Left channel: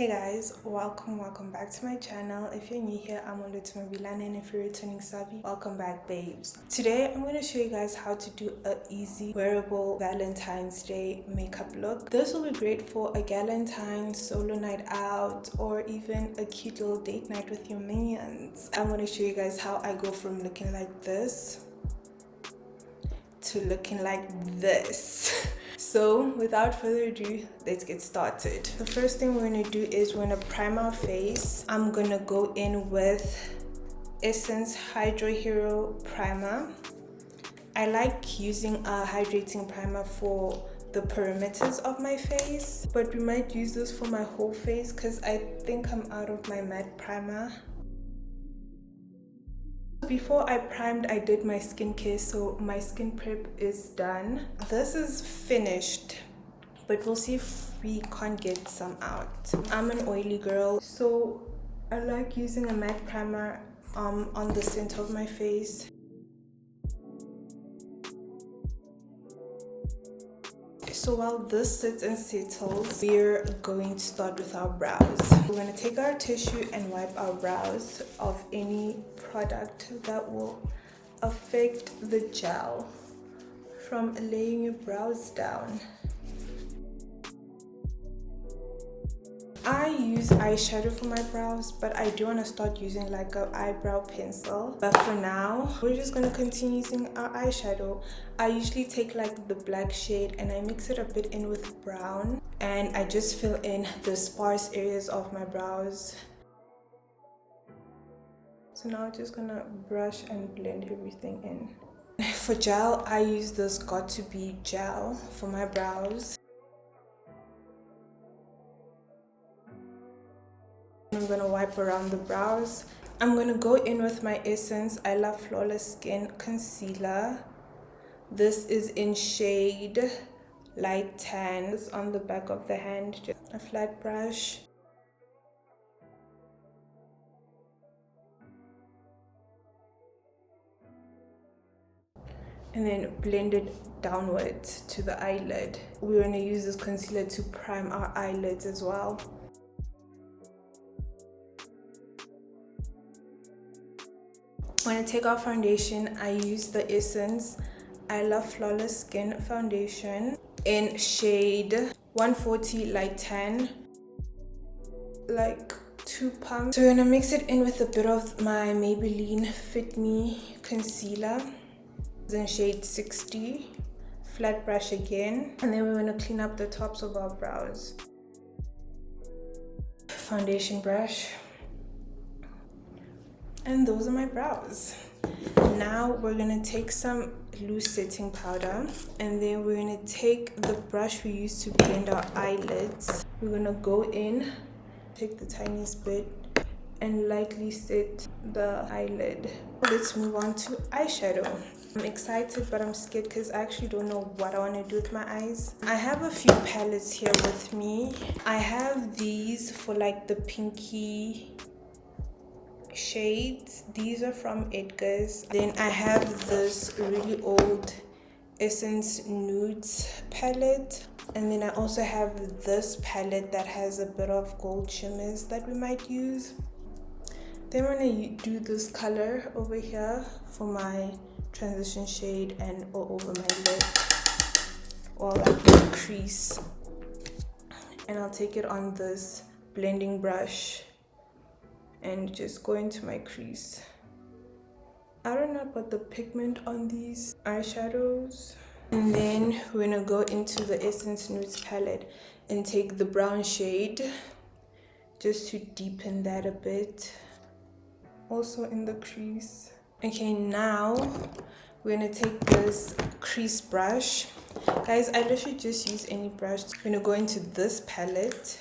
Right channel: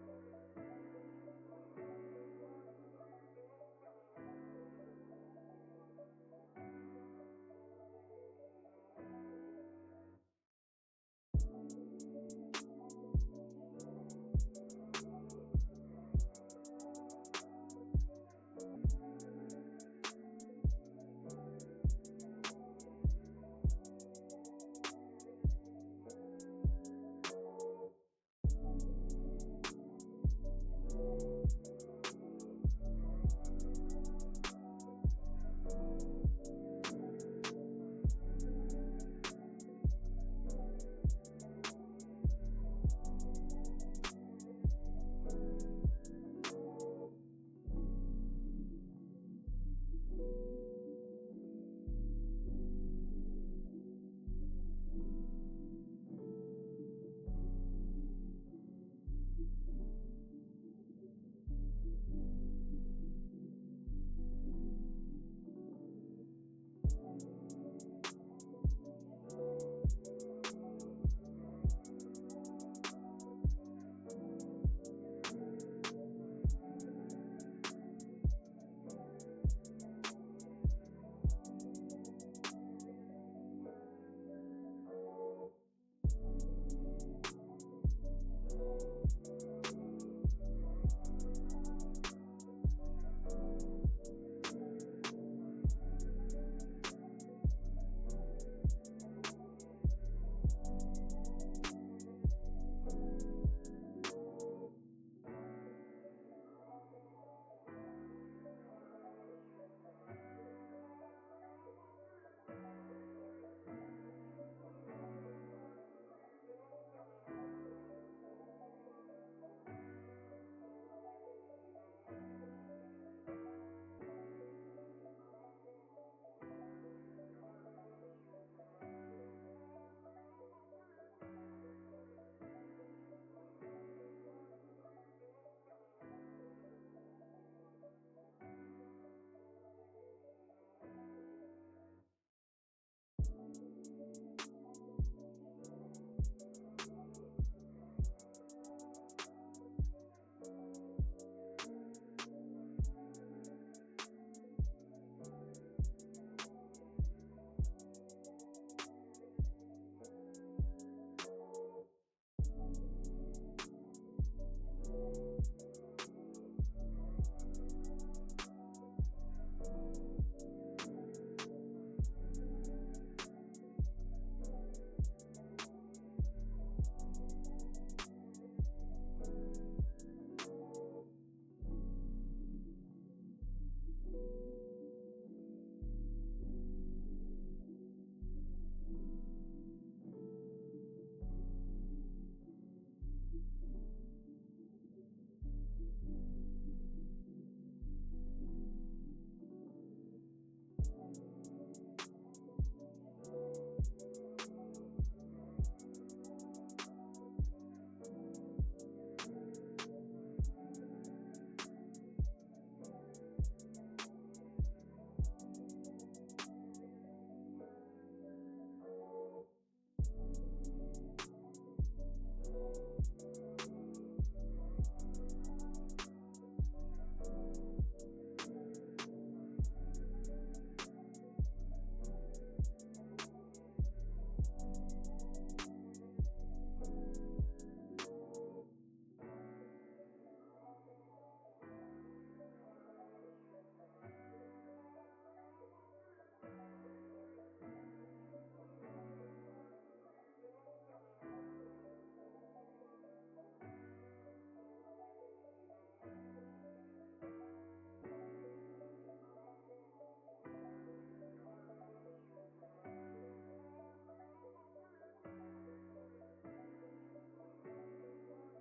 Hey guys, welcome back to my channel. If you're new here, I'm Olwethu, and if you're returning savvy, welcome back babes. Today I'm going to show you guys how to do an easy wearable Valentine's Day makeup look. This will be great for a Valentine solo night out or even a cute little date night with your minions. I'm going to show you guys how I go from looking like this to looking like this. So without further ado, let's get started. The first thing we're going to do is we're going to prime our face. I'm going to go in with Essence Hydro Hero Primer. I like using a hydrating primer for the perimeters of my face, but we might use this for my whole face because I think I'm out of my matte primer. Before I primed, I did my skincare, so my skin prep is done. This is finished, but we'll see if we can't get some out. I'm an oily girl, so I like using a matte primer on the center of my face. So while this sits and settles, we're going to start with our brows. We're going to take our tissue and wipe our brows of any product that will affect the gel from laying your brows down. I use eyeshadow for my brows, but I do want to start using like an eyebrow pencil. But for now, we're just going to continue using our eyeshadow. I usually take like the black shade and I mix it a bit in with brown, and I just fill in the sparse areas of my brows. So now I'm just gonna brush and blend everything in. For gel, I use this Got To Be gel for my brows. I'm gonna wipe around the brows. I'm gonna go in with my Essence I Love Flawless Skin Concealer. This is in shade Light Tan. It's on the back of the hand, just a flat brush. And then blend it downwards to the eyelid. We're gonna use this concealer to prime our eyelids as well. When I take off foundation, I use the Essence I Love Flawless Skin Foundation in shade 140 Light Tan, like 2 pumps. So we're gonna mix it in with a bit of my Maybelline Fit Me concealer in shade 60, flat brush again, and then we're gonna clean up the tops of our brows. Foundation brush. And those are my brows. Now we're gonna take some loose setting powder, and then we're gonna take the brush we used to blend our eyelids. We're gonna go in, take the tiniest bit, and lightly set the eyelid. Let's move on to eyeshadow. I'm excited, but I'm scared because I actually don't know what I want to do with my eyes. I have a few palettes here with me. I have these for like the pinky shades. These are from Edgar's. Then I have this really old Essence Nudes palette, and then I also have this palette that has a bit of gold shimmers that we might use. Then we're gonna do this color over here for my transition shade and all over my lid, or like the crease, and I'll take it on this blending brush and just go into my crease. I don't know about the pigment on these eyeshadows. And then we're gonna go into the Essence Nudes palette and take the brown shade just to deepen that a bit, also in the crease. Okay, now we're gonna take this crease brush. Guys, I literally just use any brush. We're gonna go into this palette,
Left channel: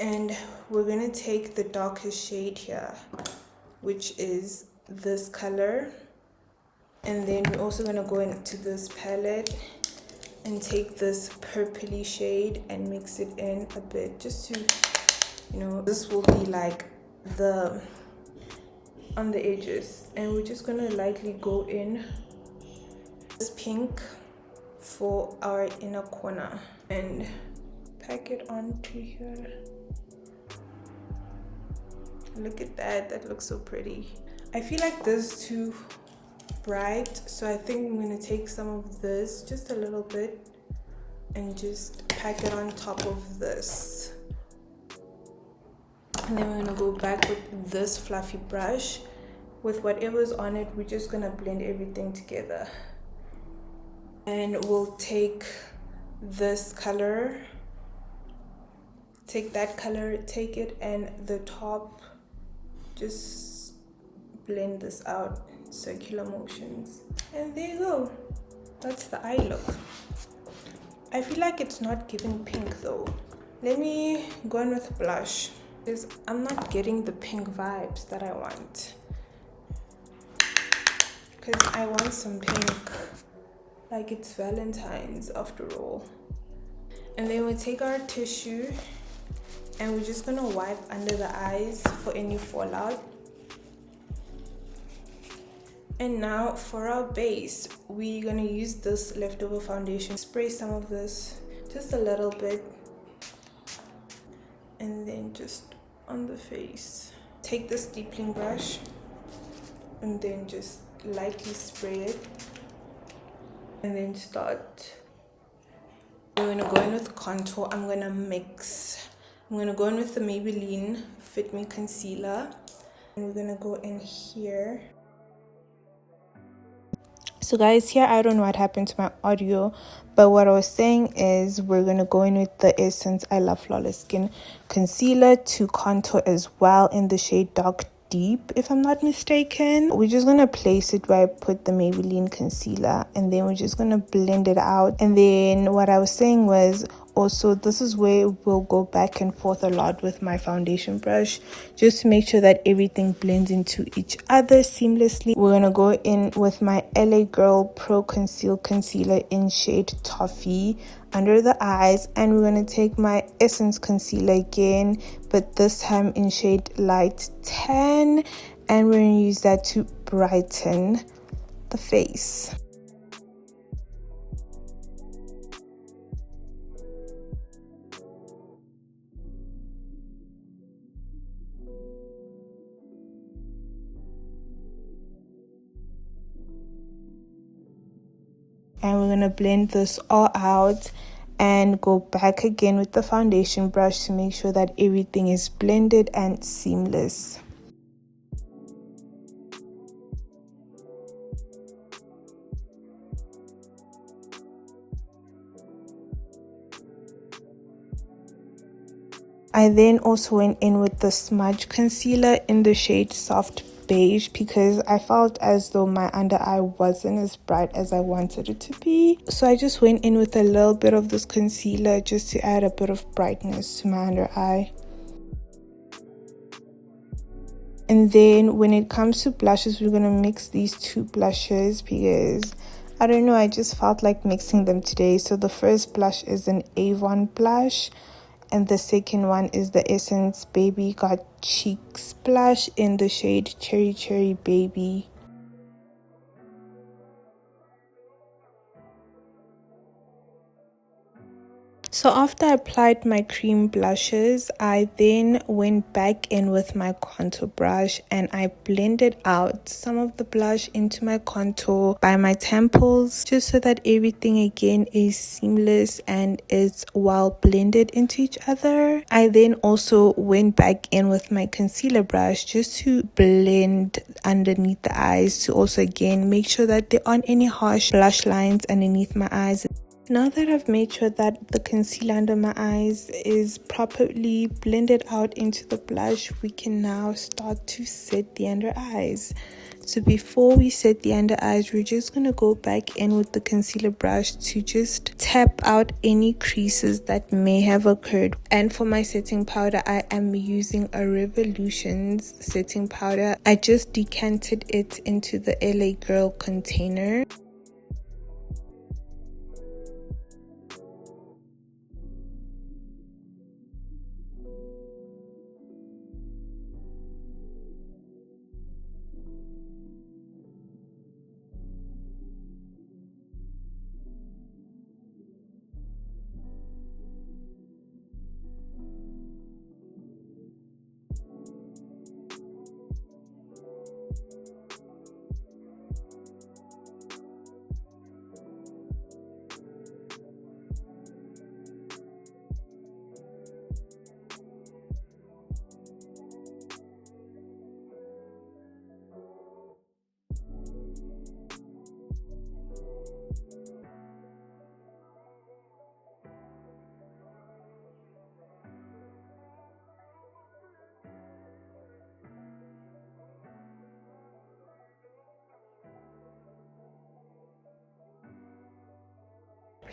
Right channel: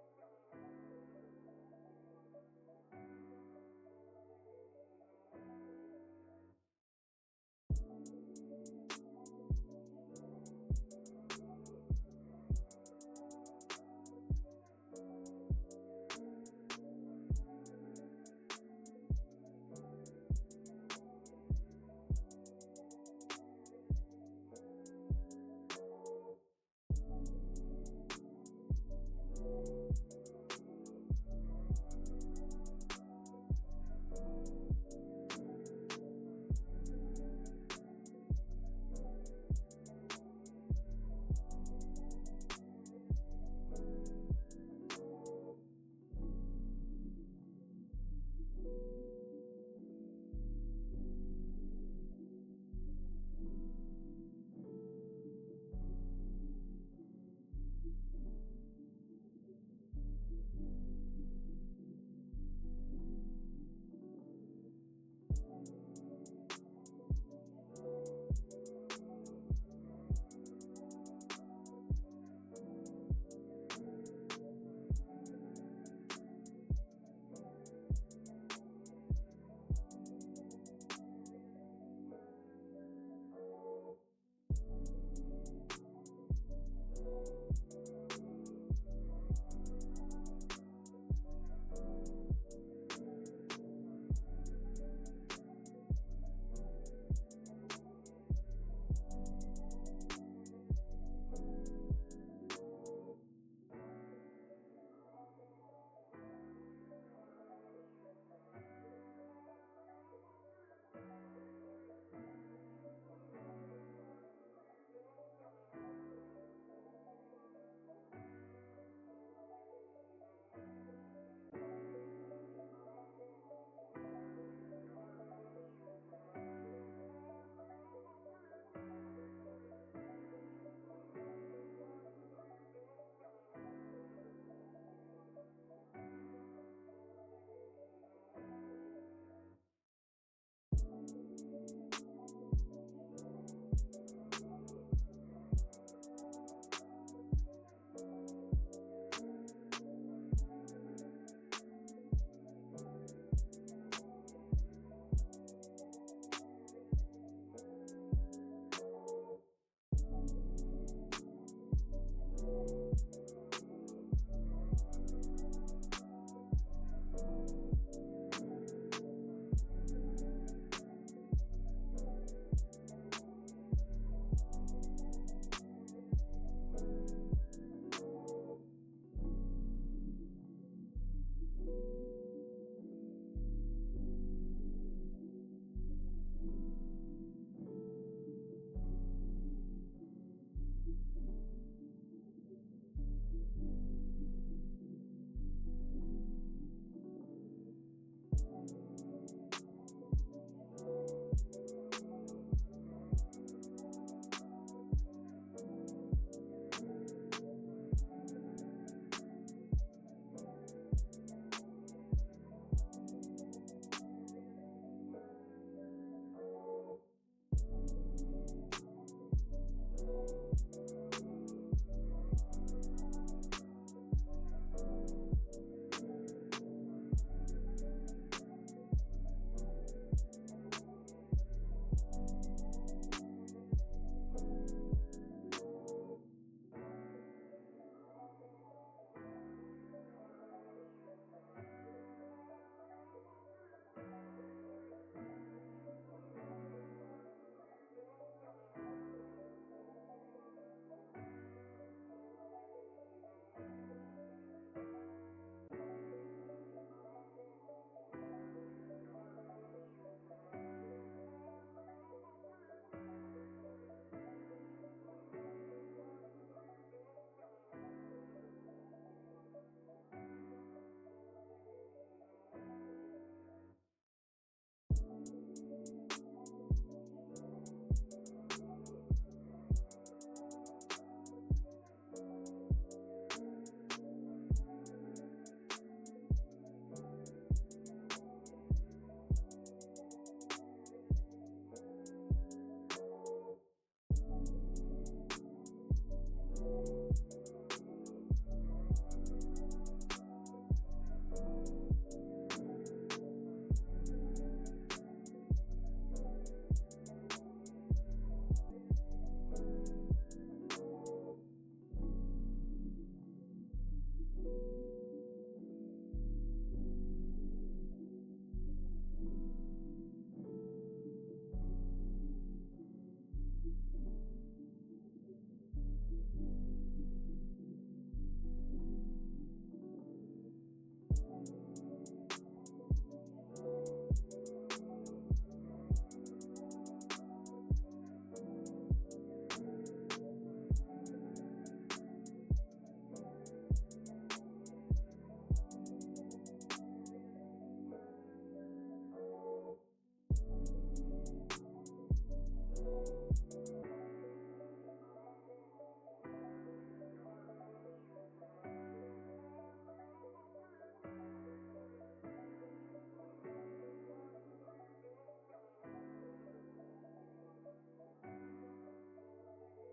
and we're gonna take the darkest shade here, which is this color, and then we're also gonna go into this palette and take this purpley shade and mix it in a bit, just to, you know, this will be like the on the edges, and we're just gonna lightly go in this pink for our inner corner and pack it onto here. Look at that. That looks so pretty. I feel like this is too bright, so I think I'm going to take some of this, just a little bit, and just pack it on top of this. And then we're going to go back with this fluffy brush. With whatever's on it, we're just going to blend everything together. And we'll take this color, take that color, take it, and the top, just blend this out, circular motions. And there you go. That's the eye look. I feel like it's not giving pink though. Let me go in with blush, because I'm not getting the pink vibes that I want. Because I want some pink. Like it's Valentine's after all. And then we take our tissue and we're just gonna wipe under the eyes for any fallout. And now for our base, we're gonna use this leftover foundation. Spray some of this, just a little bit, and then just on the face. Take this deepling brush and then just lightly spray it, and then start. We're gonna go in with contour. I'm gonna go in with the Maybelline Fit Me Concealer, and we're gonna go in here. So guys, here I don't know what happened to my audio, but what I was saying is we're going to go in with the Essence I Love Flawless Skin Concealer to contour as well in the shade Dark Deep, if I'm not mistaken. We're just going to place it where I put the Maybelline concealer, and then we're just going to blend it out. And then what I was saying was, also this is where we'll go back and forth a lot with my foundation brush, just to make sure that everything blends into each other seamlessly. We're gonna go in with my LA Girl Pro Conceal Concealer in shade Toffee under the eyes, and we're gonna take my Essence concealer again, but this time in shade Light 10, and we're gonna use that to brighten the face. And we're going to blend this all out and go back again with the foundation brush to make sure that everything is blended and seamless. I then also went in with the smudge concealer in the shade Soft Beige, because I felt as though my under eye wasn't as bright as I wanted it to be. So I just went in with a little bit of this concealer just to add a bit of brightness to my under eye. And then when it comes to blushes, we're going to mix these two blushes because I don't know, I just felt like mixing them today. So the first blush is an Avon blush, and the second one is the Essence Baby Got Cheeks blush in the shade Cherry Cherry Baby. So after I applied my cream blushes, I then went back in with my contour brush and I blended out some of the blush into my contour by my temples, just so that everything again is seamless and is well blended into each other. I then also went back in with my concealer brush just to blend underneath the eyes, to also again make sure that there aren't any harsh blush lines underneath my eyes. Now that I've made sure that the concealer under my eyes is properly blended out into the blush, we can now start to set the under eyes. So before we set the under eyes, we're just going to go back in with the concealer brush to just tap out any creases that may have occurred. And for my setting powder, I am using a Revolutions setting powder. I just decanted it into the LA Girl container.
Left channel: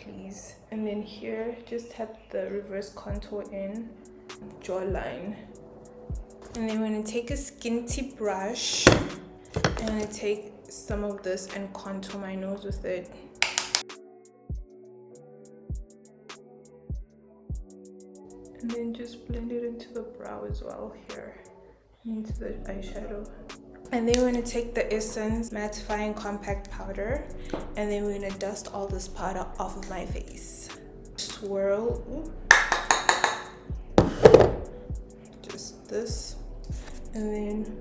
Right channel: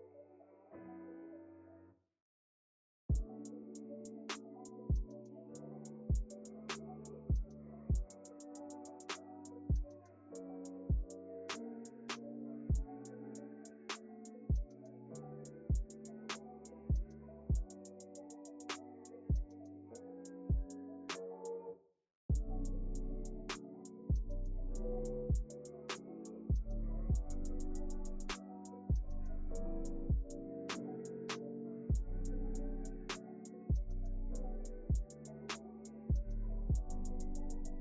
please. And then here, just tap the reverse contour in, jawline. And then I'm going to take a skinty brush. I'm going to take some of this and contour my nose with it. And then just blend it into the brow as well here, into the eyeshadow. And then we're going to take the Essence Mattifying Compact Powder, and then we're going to dust all this powder off of my face. Swirl. Just this. And then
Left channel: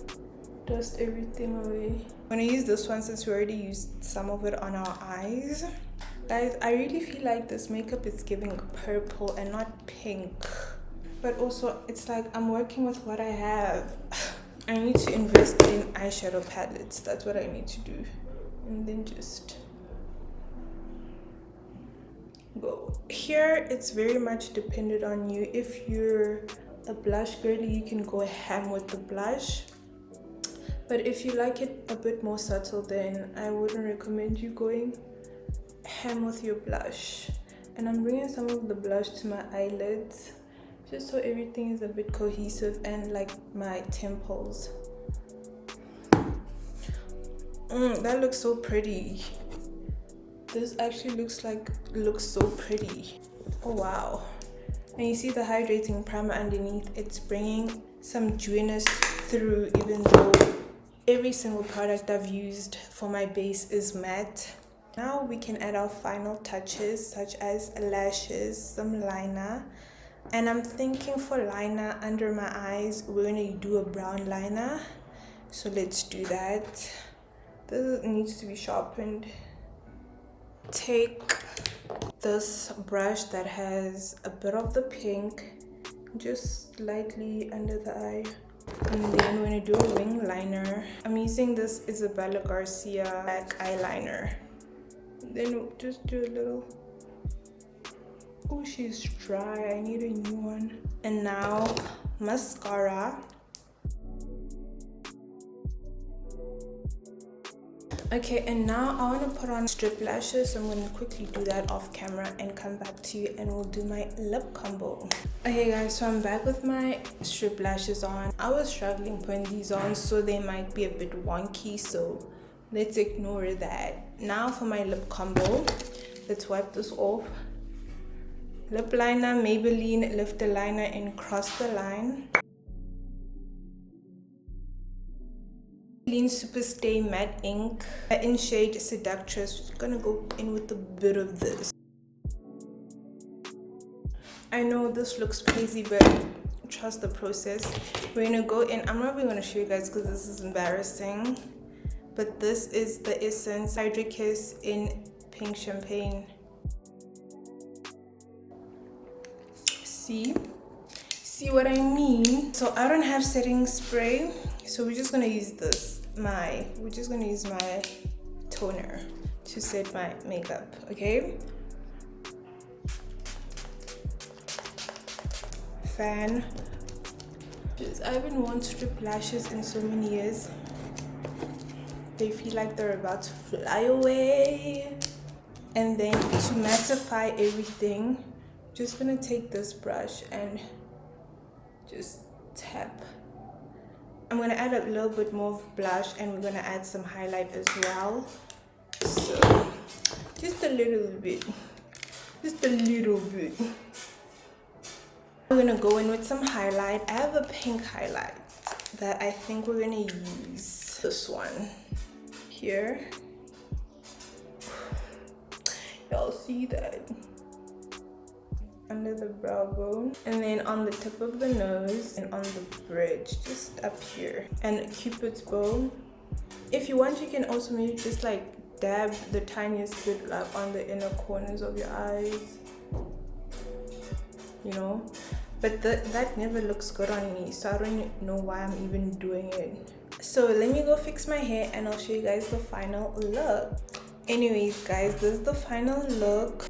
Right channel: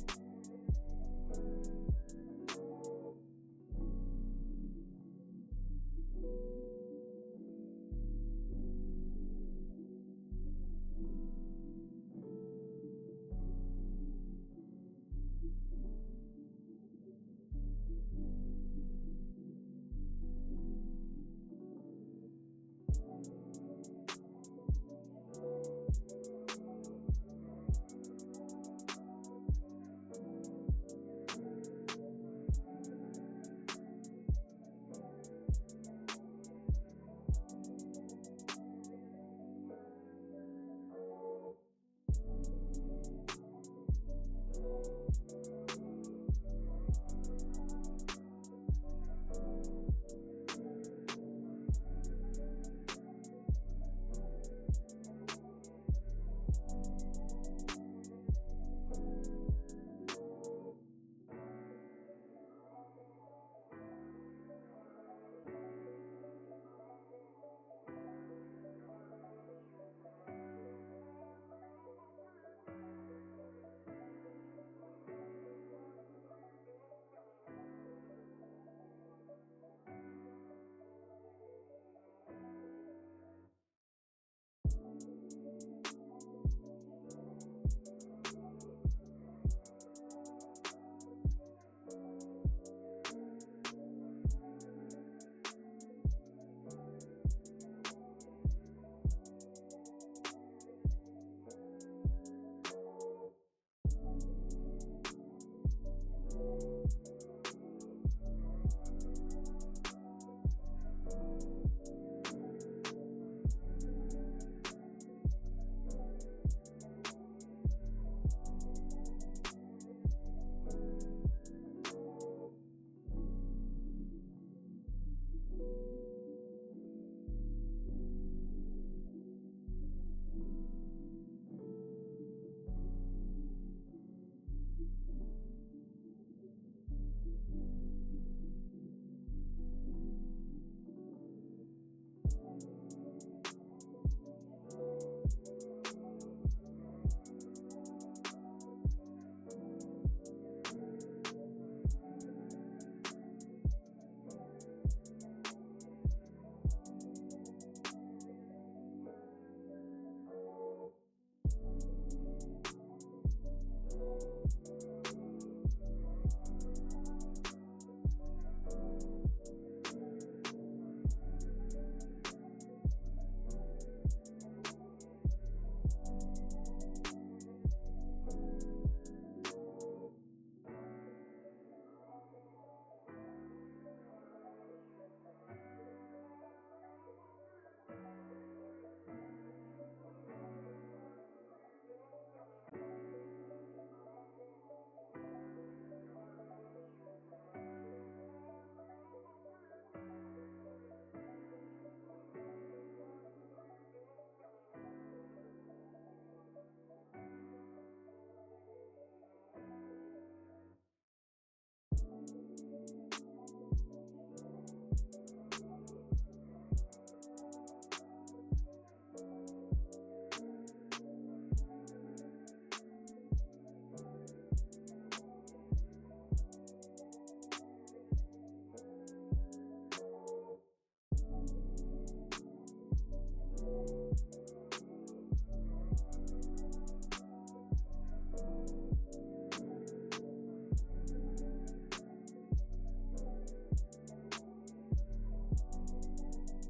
dust everything away. I'm going to use this one since we already used some of it on our eyes. Guys, I really feel like this makeup is giving purple and not pink. But also, it's like I'm working with what I have. I need to invest in eyeshadow palettes. That's what I need to do. And then just go. Here, it's very much dependent on you. If you're a blush girly, you can go ham with the blush. But if you like it a bit more subtle, then I wouldn't recommend you going ham with your blush. And I'm bringing some of the blush to my eyelids, just so everything is a bit cohesive, and like my temples. That looks so pretty. This actually looks so pretty. Oh wow. And you see the hydrating primer underneath, it's bringing some dewiness through, even though every single product I've used for my base is matte. Now we can add our final touches, such as lashes, some liner. And I'm thinking for liner under my eyes, we're going to do a brown liner. So let's do that. This needs to be sharpened. Take this brush that has a bit of the pink, just lightly under the eye. And then we're going to do a wing liner. I'm using this Isabella Garcia black eyeliner. Then we'll just do a little. Oh, she's dry. I need a new one. And now mascara. Okay, and now I want to put on strip lashes. So I'm going to quickly do that off camera and come back to you, and we'll do my lip combo. Okay guys, so I'm back with my strip lashes on. I was struggling putting these on, so they might be a bit wonky, so let's ignore that. Now for my lip combo, let's wipe this off. Lip liner, Maybelline Lifter Liner in Cross the Line. Maybelline Superstay Matte Ink in shade Seductress. We're gonna go in with a bit of this. I know this looks crazy, but trust the process. We're gonna go in. I'm not even gonna show you guys because this is embarrassing. But this is the Essence Hydra Kiss in Pink Champagne. See what I mean? So I don't have setting spray, so we're just gonna use this. We're just gonna use my toner to set my makeup, okay? Fan. I haven't worn strip lashes in so many years. They feel like they're about to fly away. And then to mattify everything, just gonna take this brush and just tap. I'm gonna add a little bit more of blush, and we're gonna add some highlight as well. So just a little bit. We're gonna go in with some highlight. I have a pink highlight that I think we're gonna use. This one here. Y'all see that? Under the brow bone, and then on the tip of the nose, and on the bridge, just up here, and Cupid's bow. If you want, you can also maybe just like dab the tiniest bit like on the inner corners of your eyes, you know. But that never looks good on me, so I don't know why I'm even doing it. So let me go fix my hair, and I'll show you guys the final look. Anyways guys, this is the final look.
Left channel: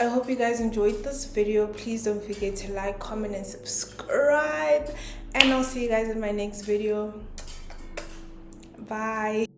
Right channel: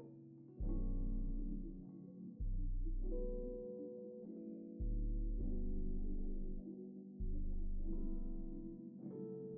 I hope you guys enjoyed this video. Please don't forget to like, comment, and subscribe. And I'll see you guys in my next video. Bye.